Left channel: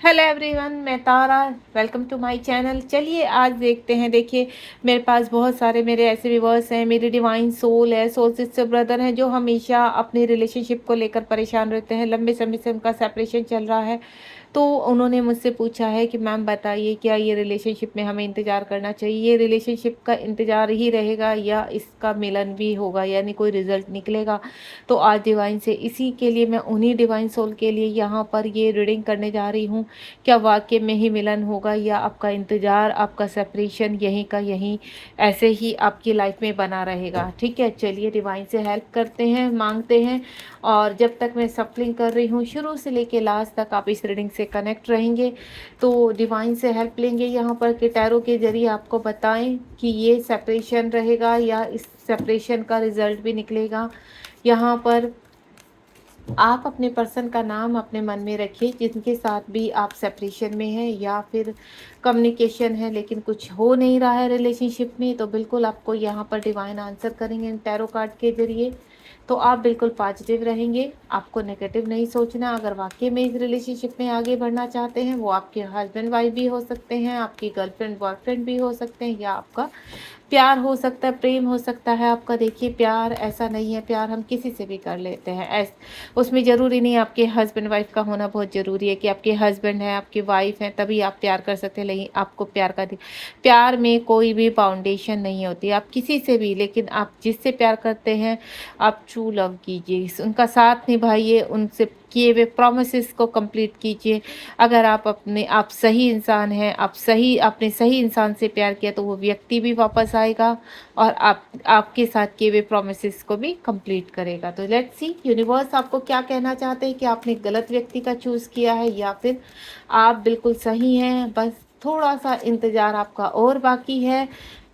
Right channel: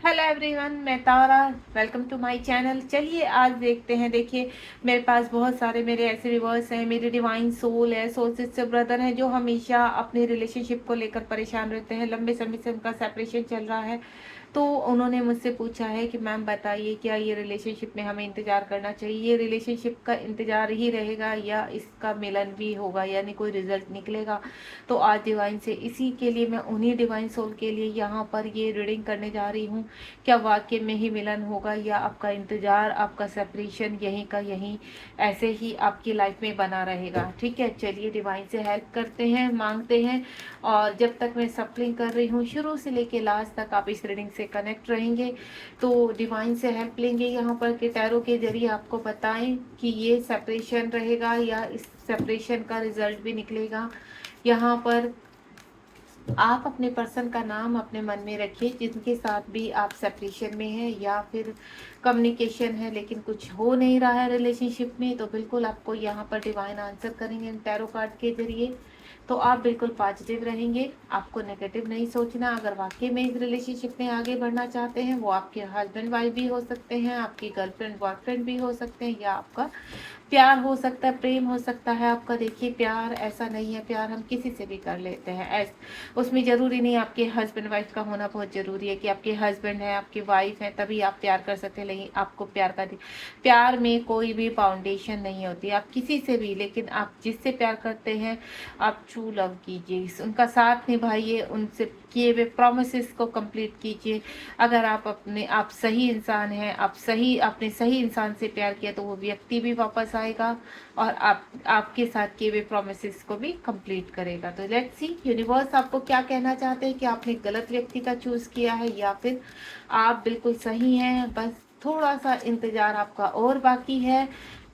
Hello everyone, मैं Tara. Welcome to my channel. चलिए आज देखते हैं। देखिए, मेरे पास बहुत सारे मेरे ऐसे व्यूअर्स हैं, मेरे डिवाइन सोल है, सोल सिस्टर ब्रदर हैं, जो हमेशा अपनी रिलेशनशिप को लेकर परेशान रहते हैं। लंबे समय से उनका सेपरेशन चल रहा है। तो उन्होंने मुझसे पूछा है कि मैम बताइए, क्या ये रिलेशनशिप में हमें इंतज़ार करना चाहिए? ये रिलेशनशिप का इंतज़ार ही रहेगा या इसका मिलन भी होगा, यानी कोई रिजल्ट निकलेगा? तो आज डिवाइन से इसी के लिए, मैं उन्हीं डिवाइन सोल के लिए यहाँ पर ये रीडिंग करने जा रही हूँ। क्या वाक़ई में ही मिलन होगा या आपका इंतज़ार, आपका सेपरेशन यहीं का यहीं ऐसे ही आपकी लाइफ में बना रहेगा? ठीक है, चलिए डिवाइन से हेल्प करते हैं, माँगते हैं। और जब तक मैं सफलिंग कर रही हूँ, शुरू से लेके लास्ट तक आप इस रीडिंग से कनेक्ट रहेंगे। तो डिवाइन से हेल्प लेंगे यहाँ पर कि टैरो के ज़रिए आपको बताएँ कि ये सेपरेशन रहेगा या इस सेपरेशन का रिज़ल्ट भी निकलेगा। यहाँ पर आप अपने पर्सन का नाम अपने मन में रखिए, जिनके साथ भी आप सेपरेशन में हैं या फिर कम्युनिकेशन है लेकिन कुछ हो नहीं रहा है रिलेशनशिप में, तो बिल्कुल आपको यहाँ पर डिवाइन आंसर करेंगे टैरो कार्ड के ज़रिए। तो आप बिल्कुल पॉजिटिव रहेंगे, आपको नेगेटिव नहीं सोचना। अगर वाक़ई में इस रिलेशनशिप में आगे बढ़ना चाहते हैं, वो आपके हस्बैंड वाइफ भी हो सकते हैं, आपकी गर्लफ्रेंड बॉयफ्रेंड भी हो सकते हैं, या आपका प्यार हो सकता है, प्रेम हो सकता है आपका। देखिए, प्यार ऐसा नहीं है, प्यार हम किसी से भी कर लेते हैं। उसमें ज़रूरी नहीं आपके हस्बैंड वाइफ का होना बहुत ज़रूरी है कि आपके हस्बैंड हैं, आपकी वाइफ हैं, तभी आप प्यार कर सकते हैं। लेकिन आपको प्यार में कोई भी बाउंडेशन नहीं होती, आप किसी से भी। लेकिन आप जिससे प्यार करते हैं, आप ट्रू लव कीजिए, उनका साथ निभाइए, उनसे किए हुए प्रोमिसेस को कंप्लीट कीजिए। अगर आप सही इंसान हैं, आपने सही इंसान से प्यार किया, तो वो व्यक्ति भी वापस आएगा और आपके साथ किए हुए प्रोमिसेस को भी कंप्लीट करेगा। तो लेट्स सी यूनिवर्स आपको क्या कहना चाहते हैं, कि आपने गलत व्यक्ति का चूज़ किया है या फिर आप बिल्कुल सही हैं। बस थोड़ा सा इंतज़ार आपका और बाकी है,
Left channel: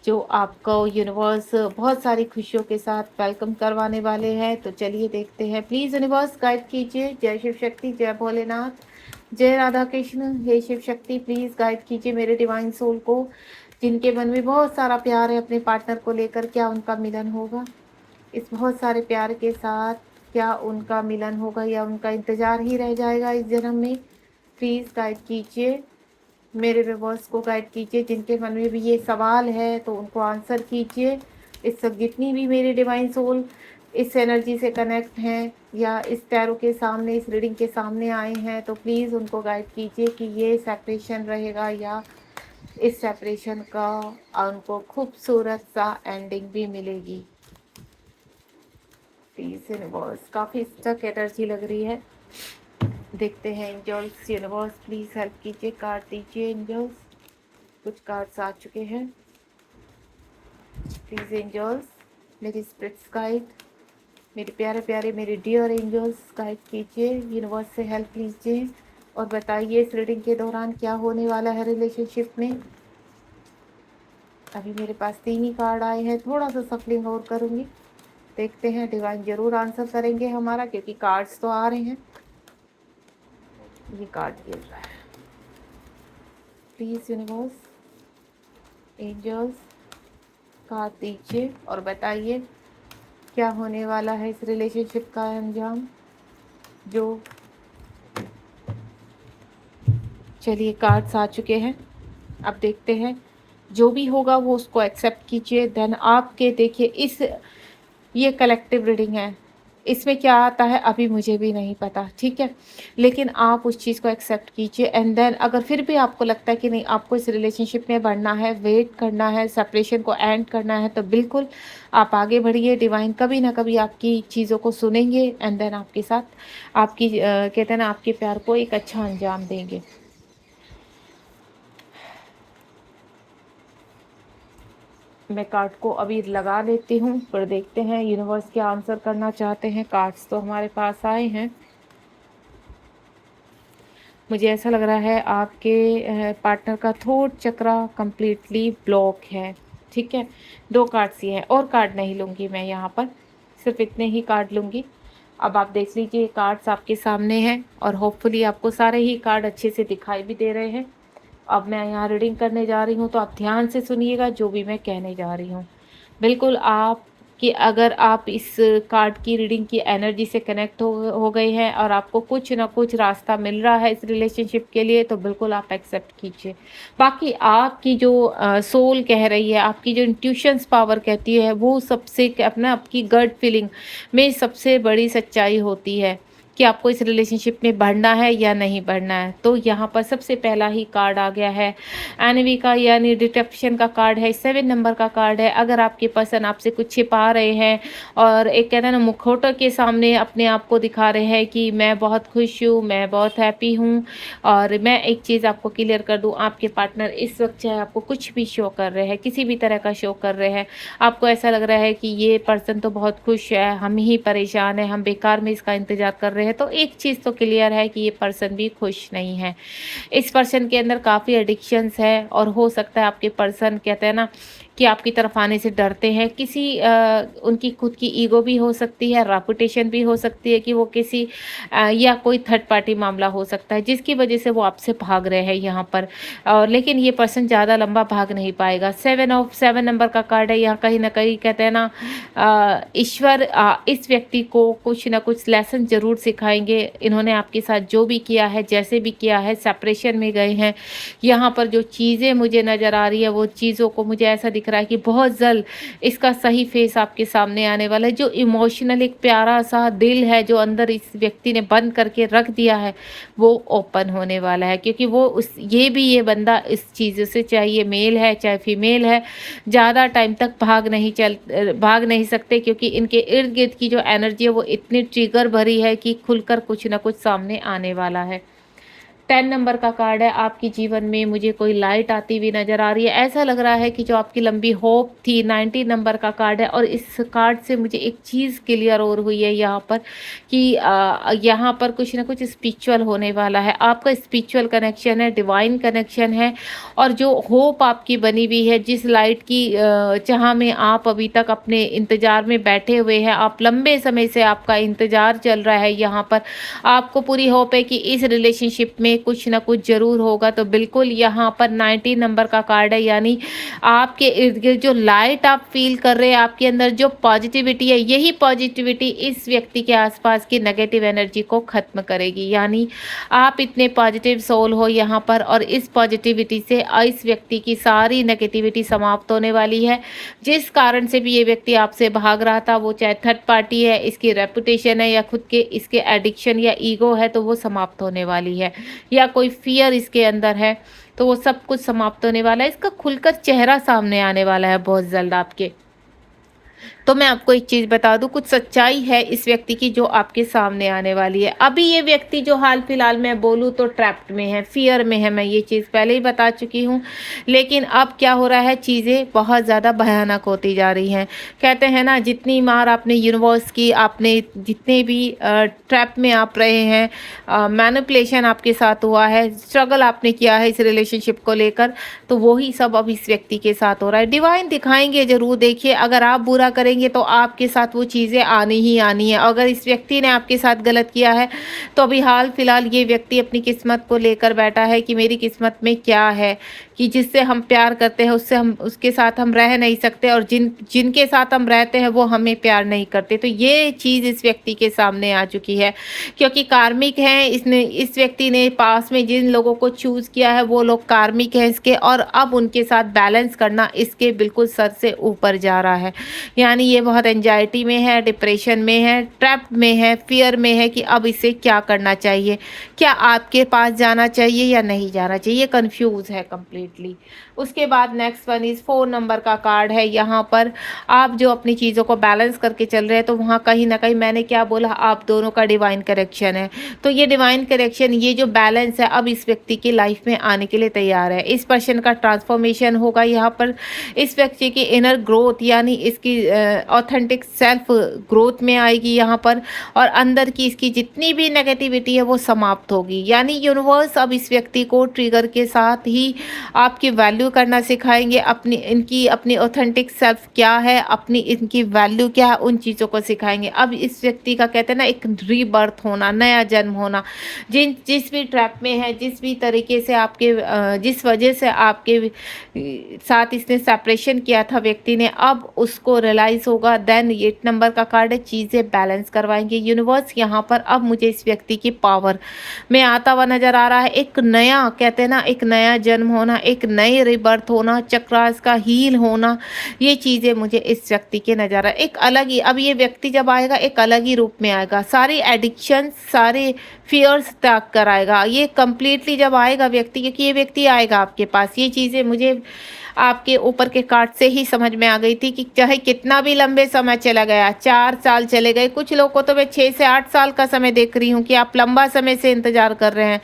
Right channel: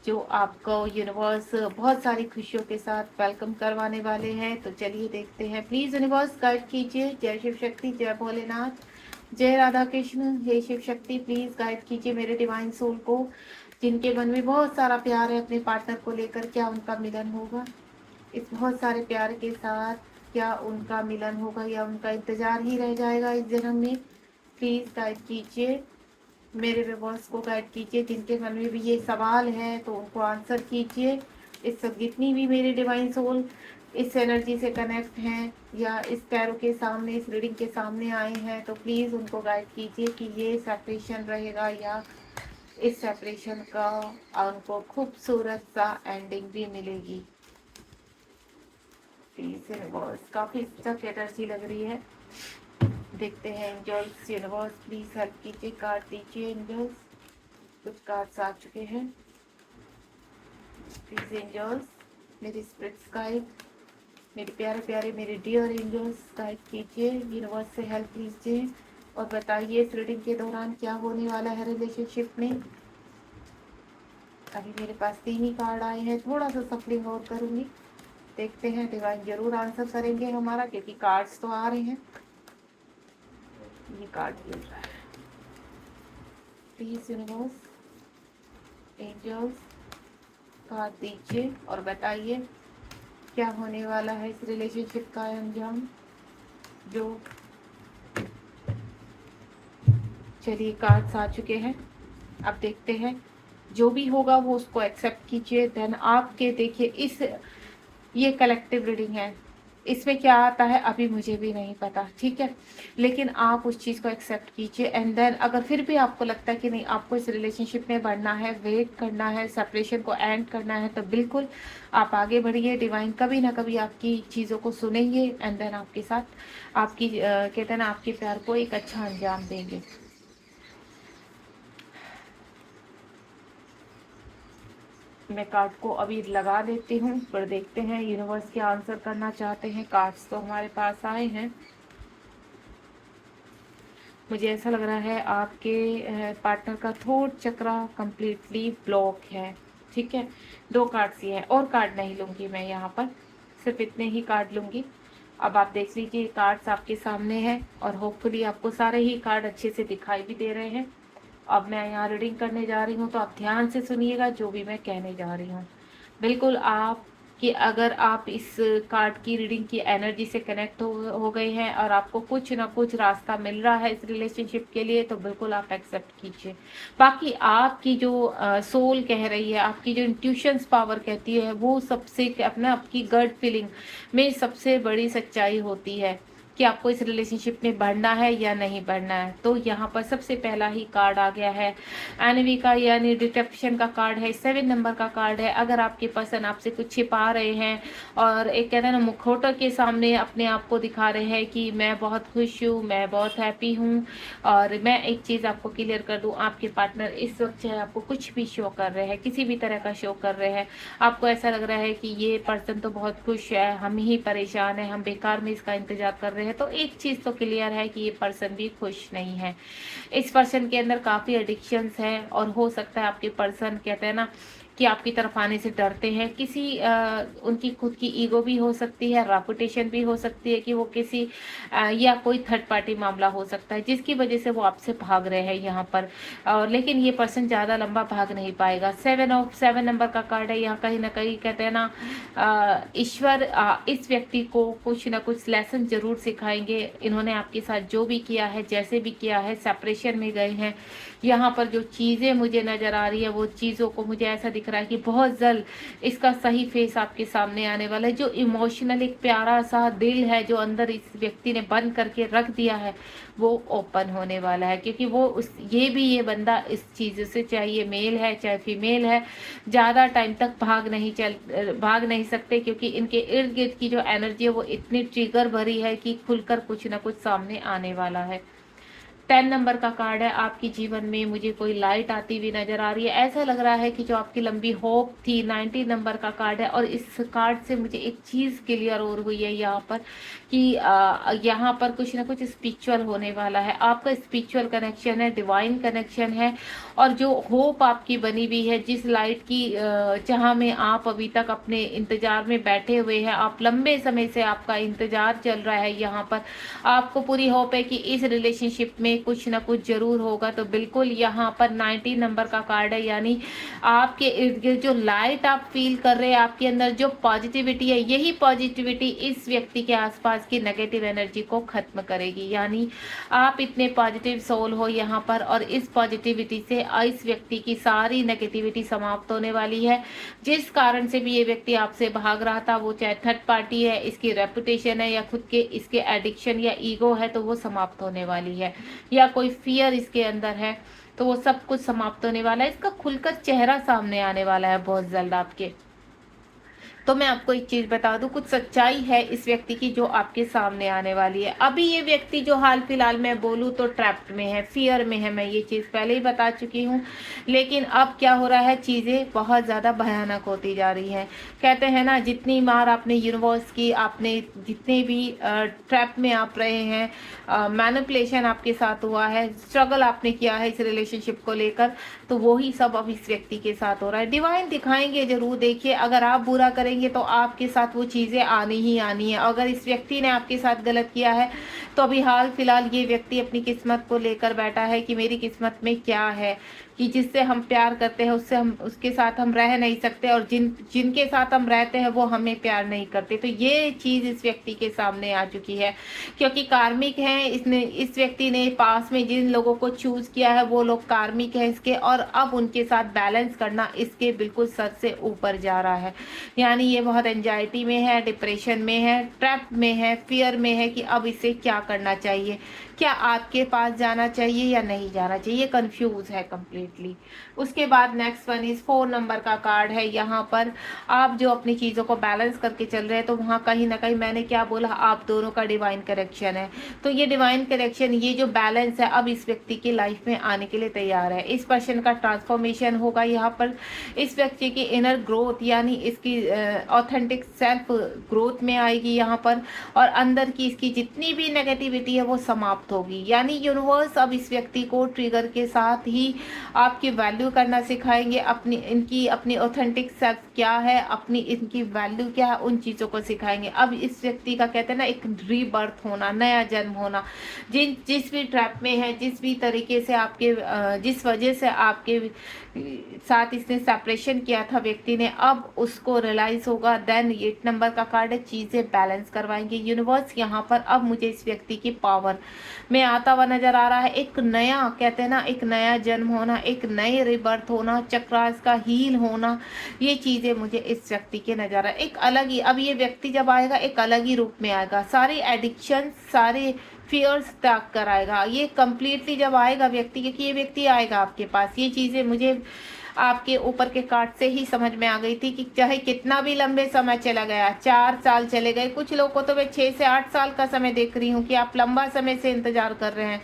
जो आपको यूनिवर्स बहुत सारी खुशियों के साथ वेलकम करवाने वाले हैं। तो चलिए देखते हैं। प्लीज़ यूनिवर्स गाइड कीजिए। जय शिव शक्ति, जय भोलेनाथ, जय राधा कृष्ण। हे शिव शक्ति, प्लीज़ गाइड कीजिए मेरे डिवाइन सोल को, जिनके मन में बहुत सारा प्यार है अपने पार्टनर को लेकर। क्या उनका मिलन होगा इस बहुत सारे प्यार के साथ? क्या उनका मिलन होगा या उनका इंतज़ार ही रह जाएगा इस जन्म में? प्लीज़ गाइड कीजिए, मेरे व्यूअर्स को गाइड कीजिए। जिनके मन में भी ये सवाल है तो उनको आंसर कीजिए। इस सब जितनी भी मेरे डिवाइन सोल इस एनर्जी से कनेक्ट हैं या इस टैरो के सामने, इस रीडिंग के सामने आए हैं, तो प्लीज़ उनको गाइड कीजिए कि ये सेपरेशन रहेगा या इस सेपरेशन का उनको खूबसूरत सा एंडिंग भी मिलेगी। प्लीज़ यूनिवर्स, काफ़ी स्टक एनर्जी लग रही है। देखते हैं एंजल्स, यूनिवर्स प्लीज़ हेल्प कीजिए, कार्ड दीजिए एंजल्स। कुछ कार्ड्स आ चुके हैं। प्लीज़ एंजल्स, मेरी स्पिरिट्स गाइड, मेरे प्यारे प्यारे मेरे डियर एंजल्स गाइड कीजिए, यूनिवर्स से हेल्प लीजिए और बताइए इस रीडिंग के दौरान क्या होने वाला है रिलेशनशिप में। अभी मेरे पास 3 ही कार्ड आए हैं, थोड़ा सा सफलिंग और करूँगी। देखते हैं, डिवाइन जरूर आंसर करेंगे हमारा, क्योंकि कार्ड्स तो आ रहे हैं। ये कार्ड मिल रहा है। प्लीज़ यूनिवर्स, एंजल्स, कार्ड दीजिए और बताइए क्या होने वाला है इस रिलेशनशिप का अंजाम। जो चलिए कार्ड्स आ चुके हैं, अब देखते हैं। जो भी होगा वो उसको एक्सेप्ट कीजिए। देन आपके देखिए, इस ये कलेक्टिव रीडिंग है, इसमें क्या आता है अभी मुझे भी नहीं पता, ठीक है। लेकिन आप उस चीज़ को एक्सेप्ट कीजिए एंड देन अगर फिर भी आपको लगता है कि नहीं, आपको इस रिलेशनशिप में बढ़ना है, वेट करना है, सेपरेशन को एंड करना है, तो बिल्कुल आप आगे बढ़िए। डिवाइन कभी ना कभी आपकी चीज़ों को सुनेंगे एंड देन आपके साथ आपकी कहते हैं ना, आपके प्यार को एक अच्छा अंजाम देंगे। मैं कार्ड को अभी लगा लेती हूँ, फिर देखते हैं यूनिवर्स क्या आंसर करना चाहते हैं। कार्ड्स तो हमारे पास आए हैं। मुझे ऐसा लग रहा है आपके पार्टनर का थ्रोट चक्रा कंप्लीटली ब्लॉक है, ठीक है। 2 कार्ड्स ही हैं, और कार्ड नहीं लूँगी मैं यहाँ पर, सिर्फ इतने ही कार्ड लूँगी। अब आप देख लीजिए, कार्ड्स आपके सामने हैं और होपफुली आपको सारे ही कार्ड अच्छे से दिखाई भी दे रहे हैं। अब मैं यहाँ रीडिंग करने जा रही हूँ, तो आप ध्यान से सुनिएगा जो भी मैं कहने जा रही हूँ। बिल्कुल आप कि अगर आप इस कार्ड की रीडिंग की एनर्जी से कनेक्ट हो गए हैं और आपको कुछ ना कुछ रास्ता मिल रहा है इस रिलेशनशिप के लिए, तो बिल्कुल आप एक्सेप्ट कीजिए। बाकी आपकी जो सोल कह रही है, आपकी जो इंट्यूशंस पावर कहती है, वो सबसे अपना आपकी गट फीलिंग में सबसे बड़ी सच्चाई होती है कि आपको इस रिलेशनशिप में बढ़ना है या नहीं बढ़ना है। तो यहाँ पर सबसे पहला ही कार्ड आ गया है एनवी का, यानी डिटेक्शन का कार्ड है, 7 नंबर का कार्ड है। अगर आपके पर्सन आपसे कुछ छिपा रहे हैं और एक कहते हैं ना मुखौटे के सामने अपने आप को दिखा रहे हैं कि मैं बहुत खुश हूँ, मैं बहुत हैप्पी हूँ, और मैं एक चीज़ आपको क्लियर कर दूँ, आपके पार्टनर इस वक्त चाहे आपको कुछ भी शो कर रहे हैं, किसी भी तरह का शो कर रहे हैं, आपको ऐसा लग रहा है कि ये पर्सन तो बहुत खुश है, हम ही परेशान हैं, हम बेकार में इसका इंतजार कर रहे हैं, तो एक चीज़ तो क्लियर है कि ये पर्सन भी खुश नहीं है। इस पर्सन के अंदर काफ़ी एडिक्शंस है, और हो सकता है आपके पर्सन कहते हैं ना कि आपकी तरफ आने से डरते हैं। किसी उनकी खुद की ईगो भी हो सकती है, रेपुटेशन भी हो सकती है कि वो किसी या कोई थर्ड पार्टी मामला हो सकता है जिसकी वजह से वो आपसे भाग रहे हैं यहाँ पर। और लेकिन ये पर्सन ज़्यादा लंबा भाग नहीं पाएगा। 7 नंबर का कार्ड है। यहाँ कहीं ना कहीं कहते हैं ना ईश्वर इस व्यक्ति को कुछ ना कुछ लेसन ज़रूर सिखाएंगे। इन्होंने आपके साथ जो भी किया है, जैसे भी किया है, सेपरेशन में गए हैं, यहाँ पर जो चीज़ें मुझे नज़र आ रही है वो चीज़ों को मुझे ऐसा दिख रहा है कि बहुत जल्द इसका सही फेस आपके सामने आने वाला है। जो इमोशनल एक प्यारा सा दिल है जो अंदर इस व्यक्ति ने बंद करके रख दिया है, वो ओपन होने वाला है, क्योंकि वो ये बंदा इस चीज़ से, चाहे ये मेल है चाहे फीमेल है, ज़्यादा टाइम तक भाग नहीं सकते, क्योंकि इनके इर्द गिर्द की जो एनर्जी है वो इतनी ट्रिगर भरी है कि खुलकर कुछ ना कुछ सामने आने वाला है। 10 नंबर का कार्ड है। आपके जीवन में मुझे कोई लाइट आती हुई नज़र आ रही है। ऐसा लग रहा है कि जो आपकी लंबी होप थी, 90 नंबर का कार्ड है, और इस कार्ड से मुझे एक चीज़ क्लियर और हुई है यहाँ पर कि यहाँ पर कुछ ना कुछ स्पिरिचुअल होने वाला है। आपका स्पिरिचुअल कनेक्शन है, डिवाइन कनेक्शन है, और जो होप आपकी बनी हुई है, जिस लाइट की चाह में आप अभी तक अपने इंतज़ार में बैठे हुए हैं, आप लंबे समय से आपका इंतज़ार चल रहा है, यहाँ पर आपको पूरी होप है कि इस रिलेशनशिप में कुछ ना कुछ ज़रूर होगा। तो बिल्कुल यहाँ पर 90 नंबर का कार्ड है, यानी आपके इर्द गिर्द जो लाइट आप फील कर रहे हैं, आपके अंदर जो पॉजिटिविटी है, यही पॉजिटिविटी इस व्यक्ति के आसपास की नेगेटिव एनर्जी को ख़त्म करेगी। यानी आप इतने पॉजिटिव सोल हो यहाँ पर, और इस पॉजिटिविटी से इस व्यक्ति की सारी नेगेटिविटी समाप्त होने वाली है। जिस कारण से भी ये व्यक्ति आपसे भाग रहा था, वो चाहे थर्ड पार्टी है, इसकी रेपुटेशन है, या खुद के इसके एडिक्शन या ईगो है, तो वो समाप्त होने वाली है, या कोई फियर इसके अंदर है, तो वो सब कुछ समाप्त होने वाला है। इसका खुलकर चेहरा सामने आने वाला है बहुत जल्द आपके। तो मैं आपको एक चीज़ बता दूं, कुछ सच्चाई है इस व्यक्ति की जो आपके सामने आने वाली है। अभी ये व्यक्ति जो हाल फिलहाल मैं बोलूं तो ट्रैप्ड में है, फियर में है, मैं ये चीज़ पहले ही बता चुकी हूँ। लेकिन अब क्या हो रहा है, चीज़ें बहुत ज़्यादा भयानक होती जा रही हैं। कहते हैं ना, जितनी मार आपने यूनिवर्स की, आपने जितने भी ट्रैप में आप रहे हैं, मैनिपुलेशन आपके साथ हुआ है, स्ट्रगल आपने किया है इस रिलेशनशिप को लेकर, तो वही सब अब इस व्यक्ति के साथ हो रहा है। डिवाइन दिखाएंगे ज़रूर। देखिए, अगर आप बुरा करेंगे तो आपके साथ वो चीज़ें आनी ही आनी है। अगर इस व्यक्ति ने आपके साथ गलत किया है, तो अभी हाल फिलहाल ये व्यक्ति अपनी किस्मत को लेकर बैठा है कि मेरी किस्मत में क्या है, कि जिससे हम प्यार करते हैं उसके साथ हम रह नहीं सकते, और जिनके साथ हम रहते हैं वो हमें प्यार नहीं करते। तो ये चीज़ इस व्यक्ति के सामने आ चुकी है, क्योंकि कार्मिक है। इस व्यक्ति ने पास में जिन लोगों को चूज़ किया है वो लोग कार्मिक है इसके, और अब उनके साथ बैलेंस करना इसके बिल्कुल सर से ऊपर जा रहा है। यानी ये बहुत एंजाइटी में है, डिप्रेशन में है, ट्रैप में है, फियर में है कि अब इसे क्या करना चाहिए, क्या आपके पास जाना चाहिए या नहीं जाना चाहिए, ये कंफ्यूज है कंप्लीटली। उसके बाद नेक्स्ट वन इज 4 नंबर का कार्ड है। यहाँ पर आप जो अपनी चीज़ों को बैलेंस करके चल रहे हैं, तो वहाँ कहीं ना कहीं मैंने क्या बोला, आप दोनों का डिवाइन करेक्शन है। तो ये डिवाइन करेक्शन, ये जो बैलेंस है, अब इस व्यक्ति की लाइफ में आने के लिए तैयार है। इस पर्सन का ट्रांसफॉर्मेशन होगा यहाँ पर। इस व्यक्ति की इनर ग्रोथ, यानी इसकी ऑथेंटिक सेल्फ ग्रोथ में आएगी यहाँ पर, और अंदर की इसकी जितनी भी नेगेटिविटी है वो समाप्त प्राप्त होगी। यानी यूनिवर्स अब इस व्यक्ति को ट्रिगर के साथ ही आपकी वैल्यू करना सिखाएंगे, अपनी ऑथेंटिक सेल्फ क्या है, अपनी इनकी वैल्यू क्या है, उन चीज़ों को सिखाएंगे। अब इस व्यक्ति का कहते हैं ना एक रीबर्थ होना, नया जन्म होना। जिस भी ट्रैप में है, जिस भी तरीके से जिस वजह से आपके साथ इसने सेपरेशन किया था व्यक्ति ने, अब उसको रियलाइज होगा। देन 8 नंबर का कार्ड है, चीज़ें बैलेंस करवाएंगे यूनिवर्स। यहाँ पर अब मुझे इस व्यक्ति की पावर में आता हुआ नजर आ रहा है। एक नया कहते हैं ना एक नया जन्म होना, एक नए रिबर्थ होना, चक्रास का हील होना, ये चीज़ें मुझे इस व्यक्ति के नजर आ रहा है। एक अलग ही, अब ये व्यक्ति जब आएगा एक अलग ही रूप में आएगा, सारी एडिक्शन, सारे फियर्स त्याग कर आएगा ये कंप्लीटली जब आएगा व्यक्ति, क्योंकि ये व्यक्ति आएगा आपके पास। ये चीज़ें मुझे आपके ऊपर के कार्ड से ही समझ में आ गई थी कि चाहे कितना भी लंबे समय चला गया, 4 साल चले गए, कुछ लोग को तो मैं 6 से 8 साल का समय देख रही हूँ कि आप लंबा समय से इंतजार कर रहे हैं,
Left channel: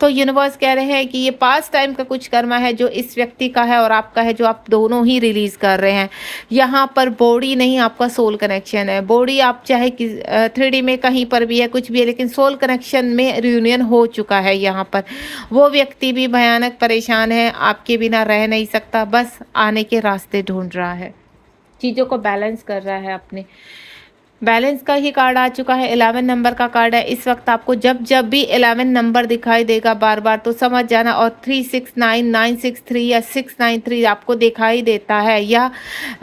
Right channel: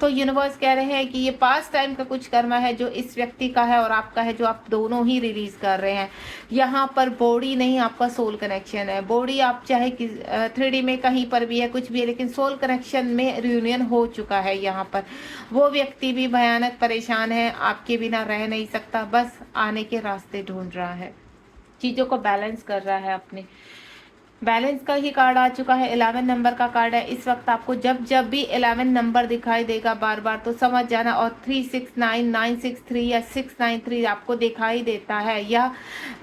तो यूनिवर्स कह रहे हैं कि ये पास्ट टाइम का कुछ कर्मा है जो इस व्यक्ति का है और आपका है, जो आप दोनों ही रिलीज कर रहे हैं। यहाँ पर बॉडी नहीं, आपका सोल कनेक्शन है। बॉडी आप चाहे 3D में कहीं पर भी है, कुछ भी है, लेकिन सोल कनेक्शन में रियूनियन हो चुका है। यहाँ पर वो व्यक्ति भी भयानक परेशान है, आपके बिना रह नहीं सकता, बस आने के रास्ते ढूंढ रहा है, चीज़ों को बैलेंस कर रहा है अपने। बैलेंस का ही कार्ड आ चुका है, 11 नंबर का कार्ड है। इस वक्त आपको जब जब भी 11 नंबर दिखाई देगा बार बार, तो समझ जाना, और 369, 963 या 693 आपको दिखाई देता है, या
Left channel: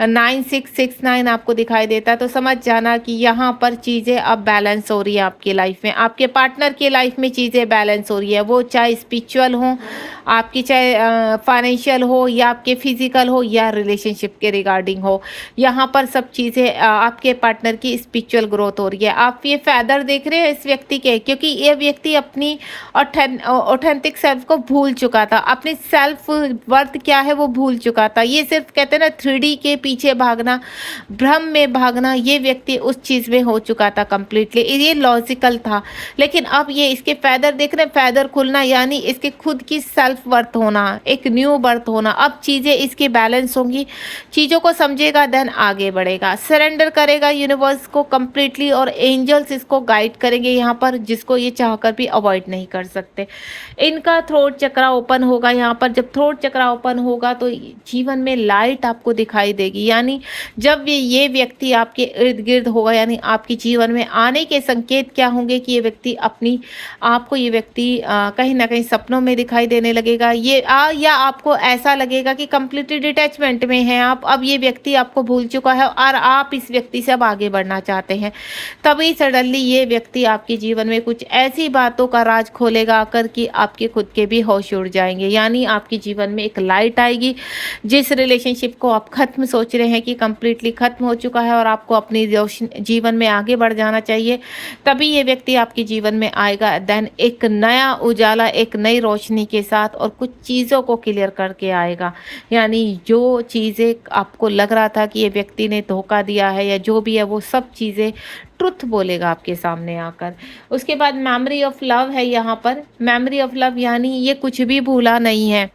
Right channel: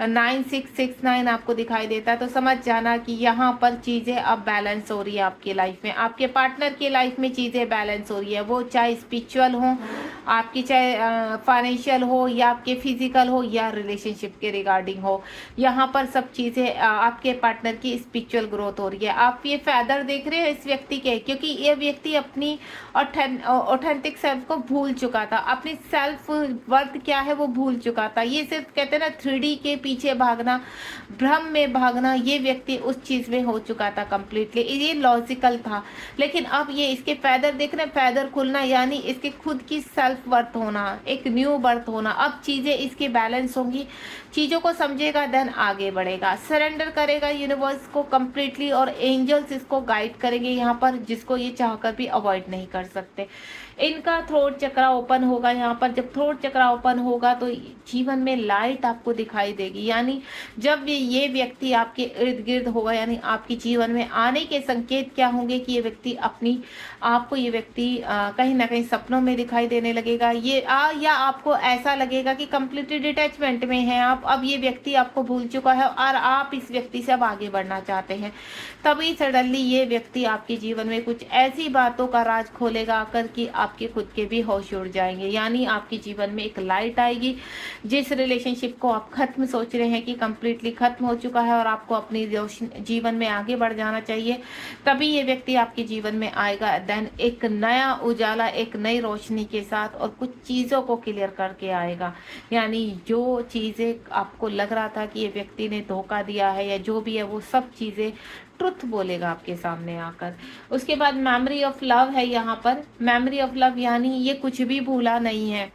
9669 आपको दिखाई देता है, तो समझ जाना कि यहाँ पर चीज़ें अब बैलेंस हो रही है आपकी लाइफ में। आपके पार्टनर की लाइफ में चीज़ें बैलेंस हो रही है, वो चाहे स्पिरिचुअल हो आपकी, चाहे फाइनेंशियल हो, या आपके फिजिकल हो, या रिलेशनशिप के रिगार्डिंग हो। यहाँ पर सब चीज़ें आपके पार्टनर की स्पिरिचुअल ग्रोथ हो रही है। आप ये फेदर देख रहे हैं इस व्यक्ति के, क्योंकि ये व्यक्ति अपनी ऑथेंटिक सेल्फ को भूल चुका था, अपनी सेल्फ वर्थ क्या है वो भूल चुका था। ये सिर्फ कहते हैं ना 3D के पीछे भागना, भ्रम में भागना, ये व्यक्ति उस चीज़ में हो चुका था कंप्लीटली। ये लॉजिकल था, लेकिन अब ये इसके फेदर देख रहे हैं, फेदर खुलना यानी इसके खुद की सेल्फ वर्थ होना, एक न्यू बर्थ होना। अब चीज़ें इसकी बैलेंस होंगी, चीज़ों को समझेगा, देन आगे बढ़ेगा, सरेंडर करेगा यूनिवर्स को कंप्लीटली, और एंजल्स इसको गाइड करेंगे यहाँ पर, जिसको ये चाहकर भी अवॉइड नहीं कर सकते। इनका थ्रोट चक्रा ओपन होगा यहाँ पर। जब थ्रोट चक्रा ओपन होगा तो जीवन में लाइट आपको दिखाई देगी। यानी जब ये व्यक्ति आपके इर्द गिर्द होगा, यानी आपके जीवन में आने के संकेत क्या होंगे कि ये व्यक्ति आपको ये व्यक्ति कहीं ना कहीं सपनों में दिखाई देने लगेगा, या आपको ऐसा लगेगा कि कंप्लीटली डिटैचमेंट में है आप, अब ये व्यक्ति आपको भूल चुका है और आप इस व्यक्ति से अब आगे बढ़ना चाहते हैं। तभी सडनली ये व्यक्ति आपके जीवन में कुछ ऐसी बातों का राज खोलेगा आकर कि आपके खुद के भी होश उड़ जाएंगे। यानी आपके जीवन में एक लाइट आएगी। जिस रिलेशनशिप को आप खत्म सोच रहे हैं कि कंप्लीटली खत्म हो चुका है और आपको अपनी जीवन में आगे बढ़ जाना चाहिए, तभी ये व्यक्ति आपके जीवन में आएगा। देन एक नया उजाला, एक नई रोशनी के साथ, और कुछ चीज़ों को क्लियर करके आएगा। यानी जो चीज़ें आपको लग रहा था कि ये व्यक्ति ने धोखा दिया है या जो भी है, वो सब चीज़ें ट्रुथ बोलेगा आपके सामने आकर। उसके बाद मेमोरी ऑफ लव है यहाँ पर। मेमोरी ऑफ लव यानी ये कुछ भी भूला नहीं है,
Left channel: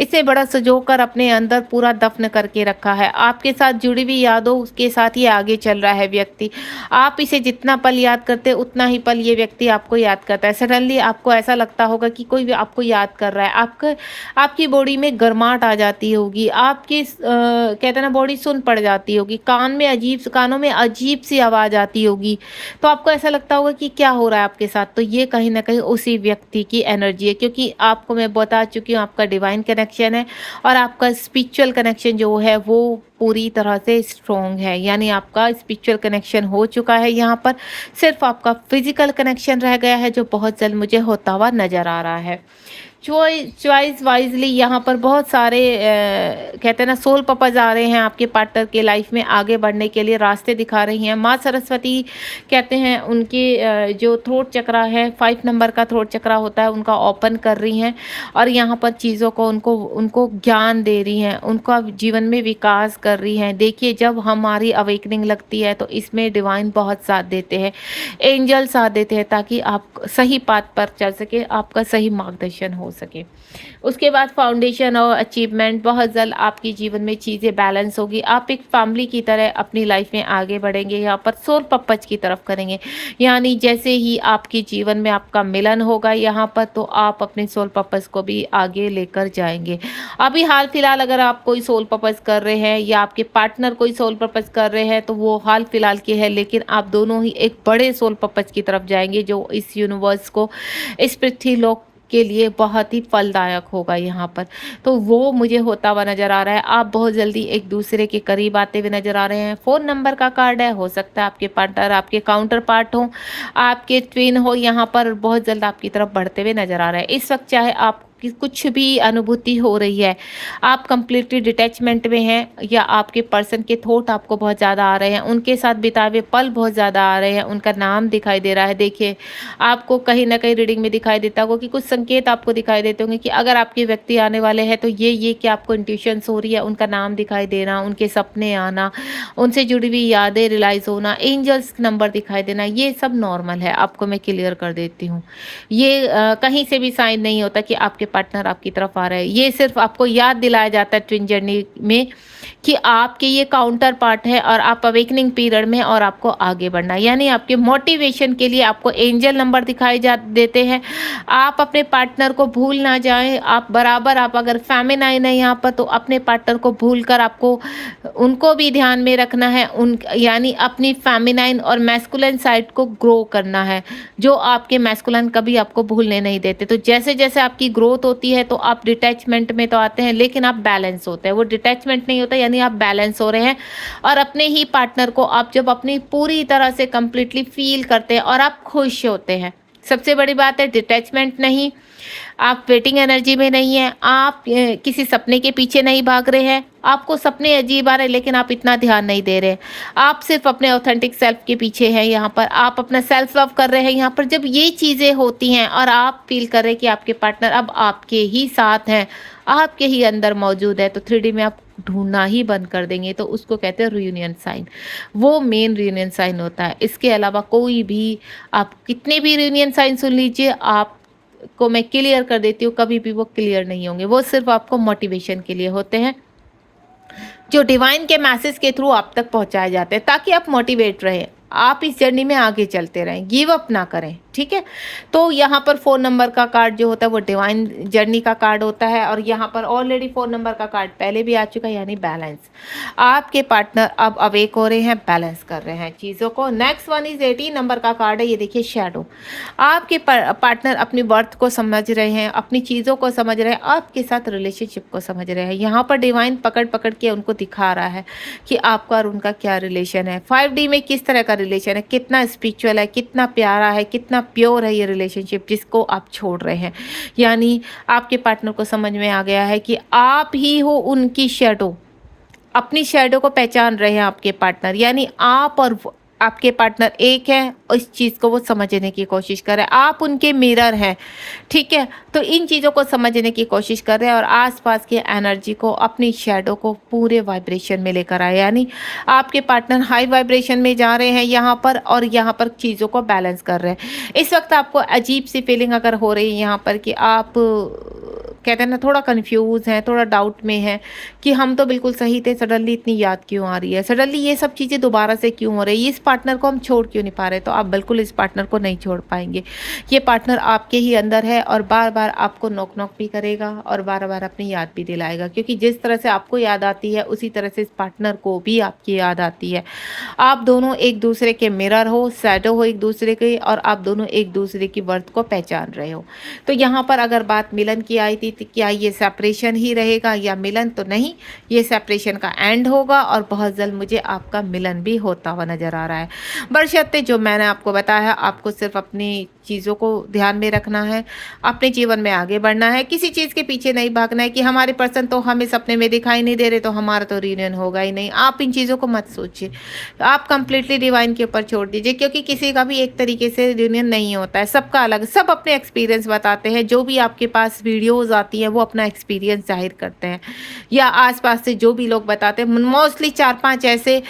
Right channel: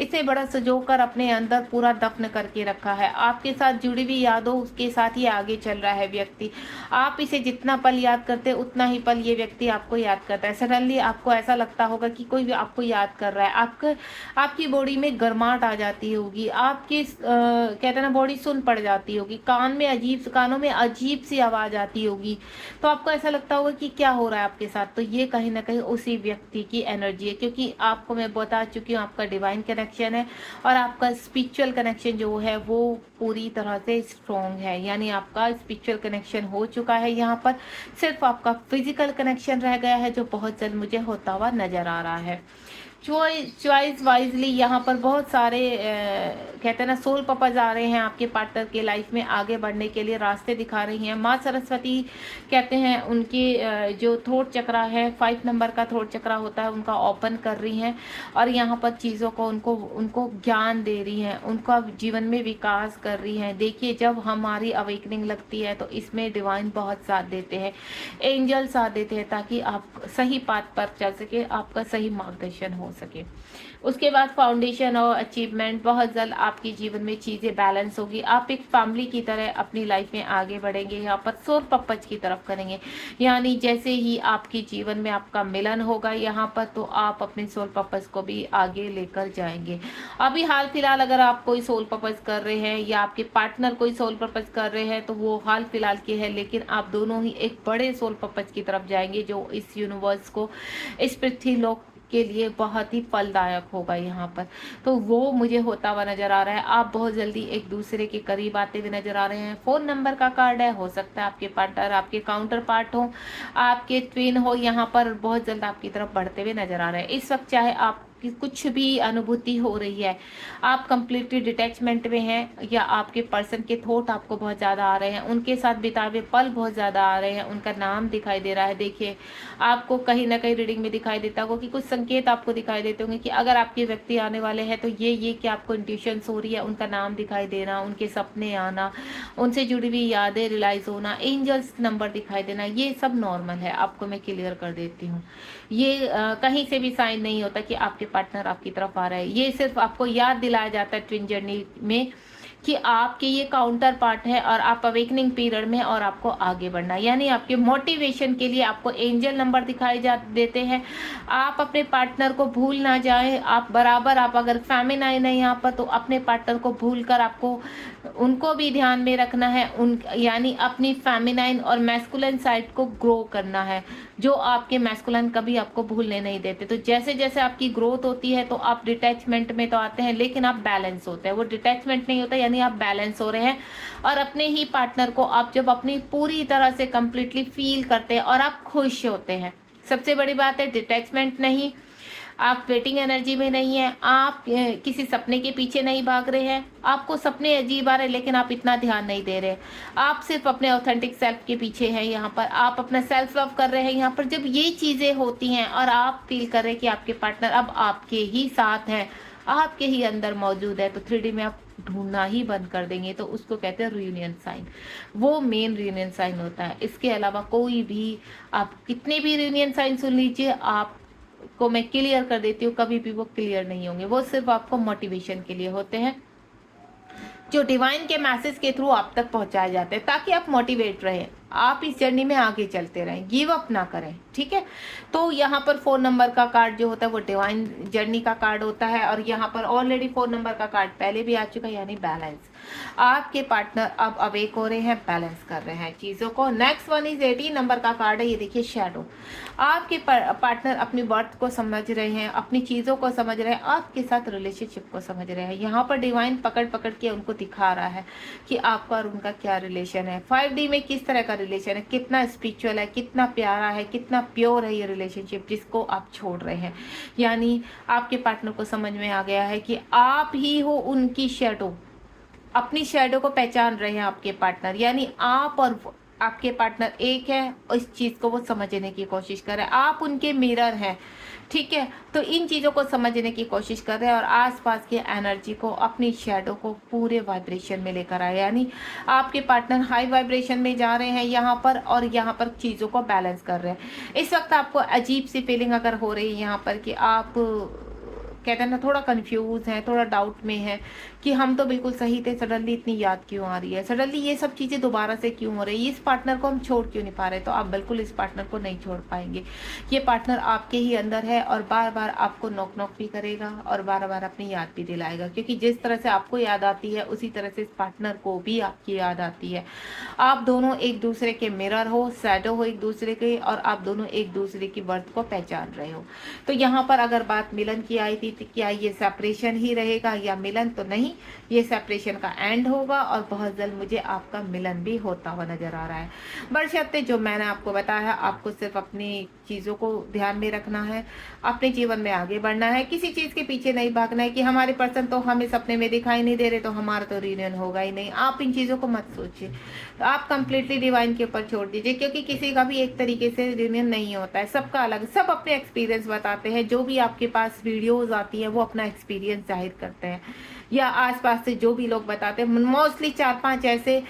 इसे बड़ा सजोकर अपने अंदर पूरा दफन करके रखा है। आपके साथ जुड़ी हुई यादों उसके साथ ही आगे चल रहा है व्यक्ति। आप इसे जितना पल याद करते हैं उतना ही पल ये व्यक्ति आपको याद करता है। सडनली आपको ऐसा लगता होगा कि कोई भी आपको याद कर रहा है, आपकी बॉडी में गर्माहट आ जाती होगी, आपकी कहते हैं ना बॉडी सुन पड़ जाती होगी, कानों में अजीब सी आवाज़ आती होगी, तो आपको ऐसा लगता होगा कि क्या हो रहा है आपके साथ। तो ये कहीं ना कहीं उसी व्यक्ति की एनर्जी है, क्योंकि आपको मैं बता चुकी हूँ आपका डिवाइन कनेक्शन है और आपका स्पिरिचुअल कनेक्शन जो है वो पूरी तरह से स्ट्रॉन्ग है। यानी आपका स्पिरिचुअल कनेक्शन हो चुका है, यहाँ पर सिर्फ आपका फिजिकल कनेक्शन रह गया है, जो बहुत जल्द मुझे होता हुआ नजर आ रहा है। चॉइस वाइजली यहाँ पर बहुत सारे कहते हैं ना सोल पर्पस आ रहे हैं आपके पार्टनर के लाइफ में, आगे बढ़ने के लिए रास्ते दिखा रही हैं। माँ सरस्वती कहते हैं उनके जो थ्रोट चक्रा है, 5 नंबर का थ्रोट चक्रा होता है, उनका ओपन कर रही हैं और यहाँ पर चीज़ों को उनको ज्ञान दे रही हैं, उनका जीवन में विकास कर रही हैं। देखिए जब हमारी अवेकनिंग लगती है तो इसमें डिवाइन बहुत साथ देते हैं, एंजल साथ देते हैं, ताकि आप सही पाथ पर चल सके, आपका सही मार्गदर्शन हो सके। उसके बाद फाउंडेशन और अचीवमेंट, बहुत जल्द आपके जीवन में चीज़ें बैलेंस होगी। आप एक फैमिली की तरह अपनी लाइफ में आगे बढ़ेंगे, यहाँ पर सोल पर्पज की तरफ करेंगे। यानी जैसे ही आपके जीवन में आपका मिलन होगा यहाँ पर, तो आप अपने सोल पर्पज को भी आगे लेकर जाएंगे। अभी हाल फिलहाल अगर आप कोई सोल पर्पज कर रहे हैं या आपके पार्टनर कोई सोल पर्पज कर रहे हैं, तो वो हाल फिलहाल के है, लेकिन आप दोनों ही एक बड़े सोल पर्पज की तरफ जाएंगे जो इस यूनिवर्स को, इस पृथ्वी लोक के लिए बहुत ही फलदायक होगा यहाँ पर। तो वो मुझे होता हुआ नज़र आ रहा है। आप बहुत जल्दी एक दूसरे के करीब आते हुए नज़र आ रहे हैं। फ़ोन नंबर का कार्ड है, हो सकता है आपके पार्टनर आपके काउंटर पार्ट हो, आपके ट्विन हो, यहाँ पर बहुत जल्द आपकी तरफ बढ़ते हुए नज़र आ रहा है। इस वक्त चाहे आप कि कुछ भी अनुभूति हो रही है, आप कंप्लीटली डिटैचमेंट में हैं या आपके पर्सन के थॉट आपको बहुत ज़्यादा आ रहे हैं, उनके साथ बिताए हुए पल बहुत ज़्यादा आ रहे हैं, उनका नाम दिखाई दे रहा है। देखिए, आपको कहीं ना कहीं रीडिंग में दिखाई देता होगा कि कुछ संकेत आपको दिखाई देते होंगे कि अगर आपके व्यक्ति आने वाले हैं तो ये कि आपको इंट्यूशंस हो रही है, उनका नाम दिखाई देना, उनके सपने आना, उनसे जुड़ी हुई यादें रियलाइज़ होना, एंजल्स नंबर दिखाई देना, ये सब नॉर्मल है। आपको मैं क्लियर कर देती हूँ, ये कहीं से भी साइन नहीं होता कि आपके पार्टनर आपकी तरफ आ रहा है। ये सिर्फ आपको याद दिलाया जाता है ट्विन जर्नी में कि आपके ये काउंटर पार्ट है और आप अवेकनिंग पीरियड में, और आपको आगे बढ़ना, यानी आपके मोटिवेशन के लिए आपको एंजल नंबर दिखाई देते हैं। आप अपने पार्टनर को भूल ना जाएं। आप बराबर, आप अगर फेमिनाइन है यहाँ पर, तो अपने पार्टनर को भूलकर आपको उनको भी ध्यान में रखना है। उन यानी अपनी फेमिनाइन और मैस्कुलिन साइड को ग्रो करना है, जो आपके मैस्कुलिन कभी आपको भूलने नहीं देते। तो जैसे जैसे आपकी ग्रोथ होती है तो आप डिटैचमेंट में तो आते हैं, लेकिन आप बैलेंस होते हैं। वो डिटैचमेंट नहीं होता, यानी आप बैलेंस हो रहे हैं और अपने ही पार्टनर को आप जब अपनी पूरी तरह से कंप्लीटली फील करते हैं और आप खुश होते हैं। सबसे बड़ी बात है, डिटैचमेंट नहीं, आप वेटिंग एनर्जी में नहीं है, आप किसी सपने के पीछे नहीं भाग रहे हैं। आपको सपने अजीब आ रहे हैं लेकिन आप इतना ध्यान नहीं दे रहे, आप सिर्फ अपने ऑथेंटिक सेल्फ के पीछे हैं। यहाँ पर आप अपना सेल्फ लव कर रहे हैं। यहाँ पर जब ये चीज़ें होती हैं और आप फील कर रहे हैं कि आपके पार्टनर अब आपके ही साथ हैं, आपके ही अंदर मौजूद है, तो 3D में आप ढूंढना ही बंद कर देंगे। तो उसको कहते हैं रियूनियन साइन, वो मेन रियूनियन साइन होता है। इसके अलावा कोई भी, आप कितने भी रियूनियन साइन सुन लीजिए, आप को मैं क्लियर कर देती हूँ, कभी भी वो क्लियर नहीं होंगे। वो सिर्फ आपको मोटिवेशन के लिए होते हैं, जो डिवाइन के मैसेज के थ्रू आप तक पहुंचाए जाते हैं, ताकि आप मोटिवेट रहें, आप इस जर्नी में आगे चलते रहें, गिव अप ना करें। ठीक है, तो यहाँ पर 4 नंबर का कार्ड जो होता है वो डिवाइन जर्नी का कार्ड होता है, और यहाँ पर ऑलरेडी 4 नंबर का कार्ड पहले भी आ चुका है, यानी बैलेंस। आपके पार्टनर अब अवेक हो रहे हैं, बैलेंस कर रहे हैं चीज़ों को। नेक्स्ट वन इज 18 नंबर का कार्ड है, ये देखिए शैडो। आपके पार्टनर अपनी वर्थ को समझ रहे हैं, अपनी चीज़ों को समझ रहे हैं, आपके साथ रिलेशनशिप को समझ रहे हैं। यहाँ पर डिवाइन पकड़ पकड़ के उनको दिखा रहा है कि आपका और उनका क्या रिलेशन है, 5D में किस तरह का रिलेशन है, कितना स्पिरिचुअल है, कितना प्यारा है, कितना प्योर है ये रिलेशनशिप जिसको आप छोड़ रहे हैं। यानी आपके पार्टनर को समझ में आ गया है कि आप ही हो उनकी शैडो, अपनी शैडो को पहचान रहे हैं आपके पार्टनर। यानी आप और आपके पार्टनर एक है, और इस चीज़ को वो समझने की कोशिश कर रहे हैं। आप उनके मिरर हैं, ठीक है। तो इन चीज़ों को समझने की कोशिश कर रहे हैं और आसपास की एनर्जी को, अपनी शैडो को पूरे वाइब्रेशन में लेकर आए। यानी आपके पार्टनर हाई वाइब्रेशन में जा रहे हैं यहाँ पर, और यहाँ पर चीज़ों को बैलेंस कर रहे हैं। इस वक्त आपको अजीब सी फीलिंग अगर हो रही है यहाँ पर कि आप कहते हैं ना, थोड़ा कंफ्यूज हैं, थोड़ा डाउट में है कि हम तो बिल्कुल सही थे, सडनली इतनी याद क्यों आ रही है, सडनली ये सब चीज़ें दोबारा से क्यों हो रही है, इस पार्टनर को हम छोड़ क्यों नहीं पा रहे। तो आप बिल्कुल इस पार्टनर को नहीं छोड़ पाएंगे। ये पार्टनर आपके ही अंदर है और बार बार आपको नॉक नॉक भी करेगा और बार बार अपनी याद भी दिलाएगा, क्योंकि जिस तरह से आपको याद आती है उसी तरह से इस पार्टनर को भी आपकी याद आती है। आप दोनों एक दूसरे के मिरर हो, शैडो हो एक दूसरे के, और आप दोनों एक दूसरे की वर्थ को पहचान रहे हो। तो यहाँ पर अगर बात मिलन की आई थी, क्या ये सेपरेशन ही रहेगा या मिलन? तो नहीं, ये सेपरेशन का एंड होगा और बहुत जल्द मुझे आपका मिलन भी होता हुआ नजर आ रहा है। बशर्ते जो मैंने आपको बताया, आपको सिर्फ अपनी चीज़ों को ध्यान में रखना है, अपने जीवन में आगे बढ़ना है, किसी चीज़ के पीछे नहीं भागना है कि हमारे पर्सन तो हमें सपने में दिखाई नहीं दे रहे तो हमारा तो रियूनियन होगा ही नहीं। आप इन चीज़ों को मत सोचिए, आप कंप्लीटली डिवाइन के ऊपर छोड़ दीजिए, क्योंकि किसी का भी एक तरीके से रियूनियन नहीं होता है, सबका अलग, सब अपने एक्सपीरियंस बताते हैं। जो भी आपके पास वीडियोज़ आती हैं वो अपना एक्सपीरियंस जाहिर करते हैं, या आसपास से जो भी लोग बताते हैं। मोस्टली 4-5 ऐसे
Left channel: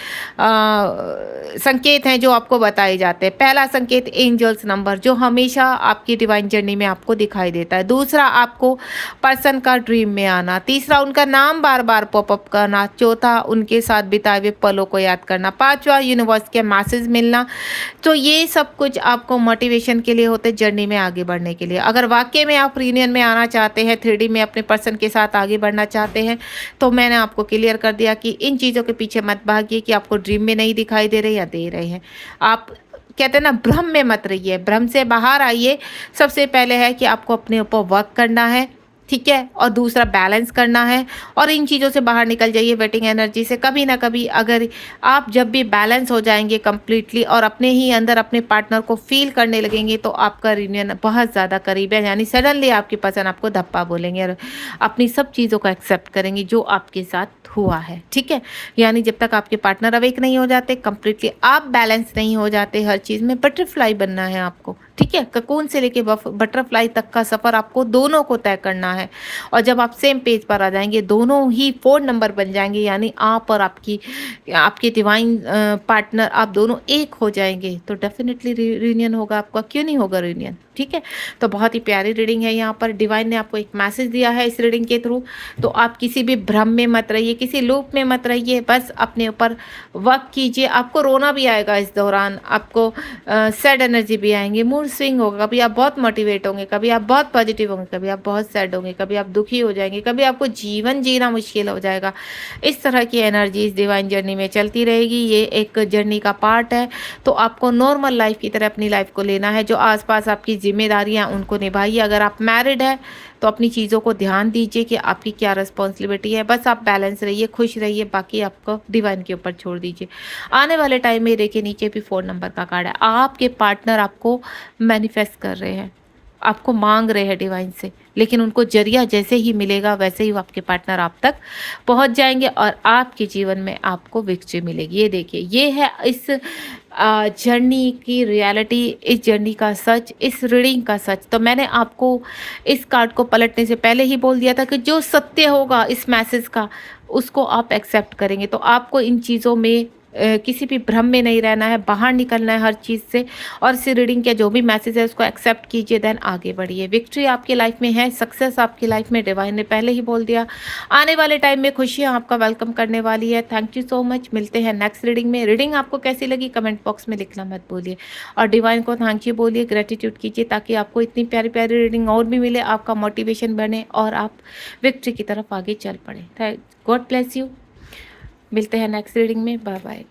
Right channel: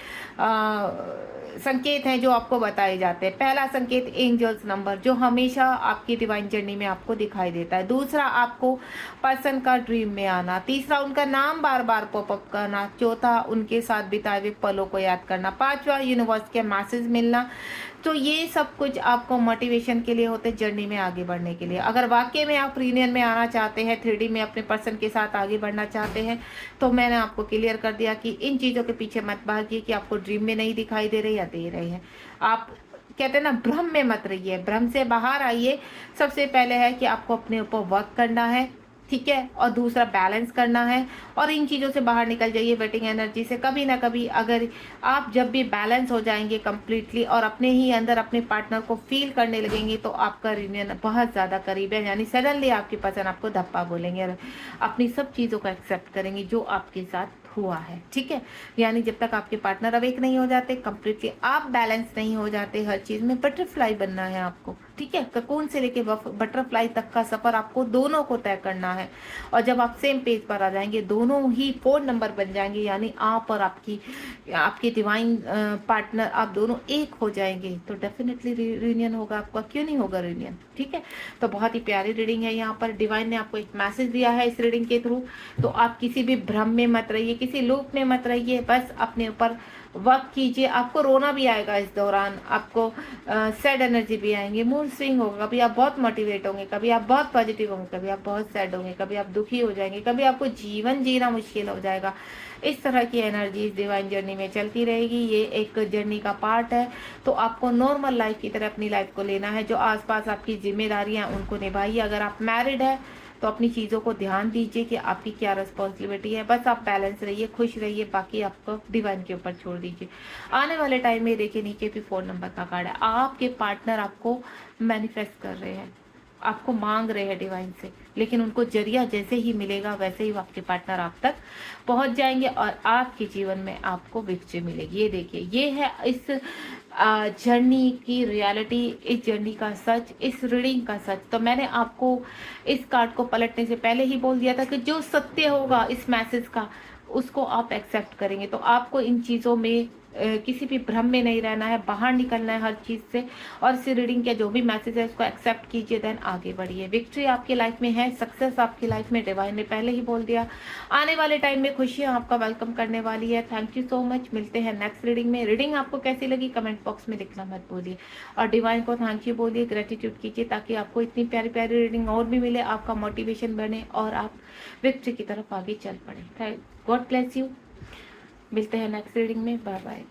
संकेत हैं जो आपको बताए जाते हैं। पहला संकेत एंजल्स नंबर, जो हमेशा आपकी डिवाइन जर्नी में आपको दिखाई देता है। दूसरा, आपको पर्सन का ड्रीम में आना। तीसरा, उनका नाम बार बार पॉपअप करना। चौथा, उनके साथ बिताए हुए पलों को याद करना। पांचवा, यूनिवर्स के मैसेज मिलना। तो ये सब कुछ आपको मोटिवेशन के लिए होते हैं, जर्नी में आगे बढ़ने के लिए। अगर वाकई में आप रीयूनियन में आना चाहते हैं, 3D में अपने पर्सन के साथ आगे बढ़ना चाहते हैं, तो मैंने आपको क्लियर कर दिया कि इन चीज़ों के पीछे मत भागिए कि आपको ड्रीम में नहीं दिखाई दे रहे या दे रहे हैं। आप कहते हैं ना, भ्रम में मत रहिए, भ्रम से बाहर आइए। सबसे पहले है कि आपको अपने ऊपर वर्क करना है, ठीक है, और दूसरा बैलेंस करना है, और इन चीज़ों से बाहर निकल जाइए वेटिंग एनर्जी से। कभी ना कभी अगर आप जब भी बैलेंस हो जाएंगे कंप्लीटली और अपने ही अंदर अपने पार्टनर को फील करने लगेंगे, तो आपका रियूनियन बहुत ज़्यादा करीब है। यानी सडनली आपकी पर्सन आपको धप्पा बोलेंगे और अपनी सब चीज़ों को एक्सेप्ट करेंगे जो आपके साथ हुआ है, ठीक है। यानी जब तक आपके पार्टनर अवेक नहीं हो जाते, कंप्लीटली आप बैलेंस नहीं हो जाते, हर चीज़ में बटरफ्लाई बनना है आपको, ठीक है। ककून से लेके बटरफ्लाई तक का सफ़र आपको दोनों को तय करना है। और जब आप सेम पेज पर आ जाएंगे, दोनों ही 4 नंबर बन जाएंगे, यानी आप और आपके डिवाइन पार्टनर, आप दोनों एक हो जाएंगे, तो डेफिनेटली रियूनियन होगा आपका। क्यों नहीं होगा रियूनियन, ठीक है। तो बहुत ही प्यारी रीडिंग है। यहाँ पर डिवाइन ने आपको एक मैसेज दिया है इस रीडिंग के थ्रू। तो आप किसी भी भ्रम में मत रहिए, किसी लूप में मत रहिए, बस अपने ऊपर वर्क कीजिए। आपको रोना भी आएगा इस दौरान, आपको सैड एनर्जी भी आएंगे, मूड स्विंग होगा। कभी आप बहुत मोटिवेट होंगे, कभी आप बहुत पॉजिटिव होंगे, कभी आप बहुत सैड होंगे, कभी आप दुखी हो जाएंगे, कभी आपको जीवन जीना मुश्किल हो जाएगा। इस तरह की एनर्जी इस डिवाइन जर्नी में चलती रहेगी। ये एक जर्नी का पार्ट है। तो आपको नॉर्मल लाइफ की तरह अपनी लाइफ को लेना है। जो आसपास आपकी जिम्मेदारियां उनको निभाइए। अगर आप मैरिड है तो अपनी चीज़ों को ध्यान दीजिए कि आपकी क्या रिस्पॉन्सिबिलिटी है। बस आप बैलेंस रहिए, खुश रहिए, बाकी आपको डिवाइन के ऊपर छोड़ दीजिए। आने वाले टाइम में देखिए, नीचे भी 4 नंबर का कार्ड है। आपके पार्टनर आपको मैनिफेस्ट कर रहे हैं, आपको मांग रहे हैं डिवाइन से, लेकिन उनको जरिया जैसे ही मिलेगा वैसे ही वो आपके पार्टनर आप तक पहुंच जाएंगे और आपके जीवन में आपको विक्ट्री मिलेगी। ये देखिए, ये है इस जर्नी की रियलिटी, इस जर्नी का सच, इस रीडिंग का सच। तो मैंने आपको इस कार्ड को पलटने से पहले ही बोल दिया था कि जो सत्य होगा इस मैसेज का, उसको आप एक्सेप्ट करेंगे। तो आपको इन चीज़ों में किसी भी भ्रम में नहीं रहना है, बाहर निकलना है हर चीज़ से, और इस रीडिंग का जो भी मैसेज है उसको एक्सेप्ट कीजिए, देन आगे बढ़िए। विक्ट्री आपकी लाइफ में है, सक्सेस आपकी लाइफ में डिवाइन ने पहले ही बोल दिया। आने वाले टाइम में खुशियाँ आपका वेलकम करने वाली है। Thank you so much. मिलते हैं नेक्स्ट रीडिंग में। रीडिंग आपको कैसी लगी कमेंट बॉक्स में लिखना मत भूलिए, और डिवाइन को थैंक यू बोलिए, ग्रेटिट्यूड कीजिए, ताकि आपको इतनी प्यारी प्यारी रीडिंग और भी मिले, आपका मोटिवेशन बने और आप विक्ट्री की तरफ आगे चल पड़े। God bless you. मिलते हैं नेक्स्ट रीडिंग में। Bye bye.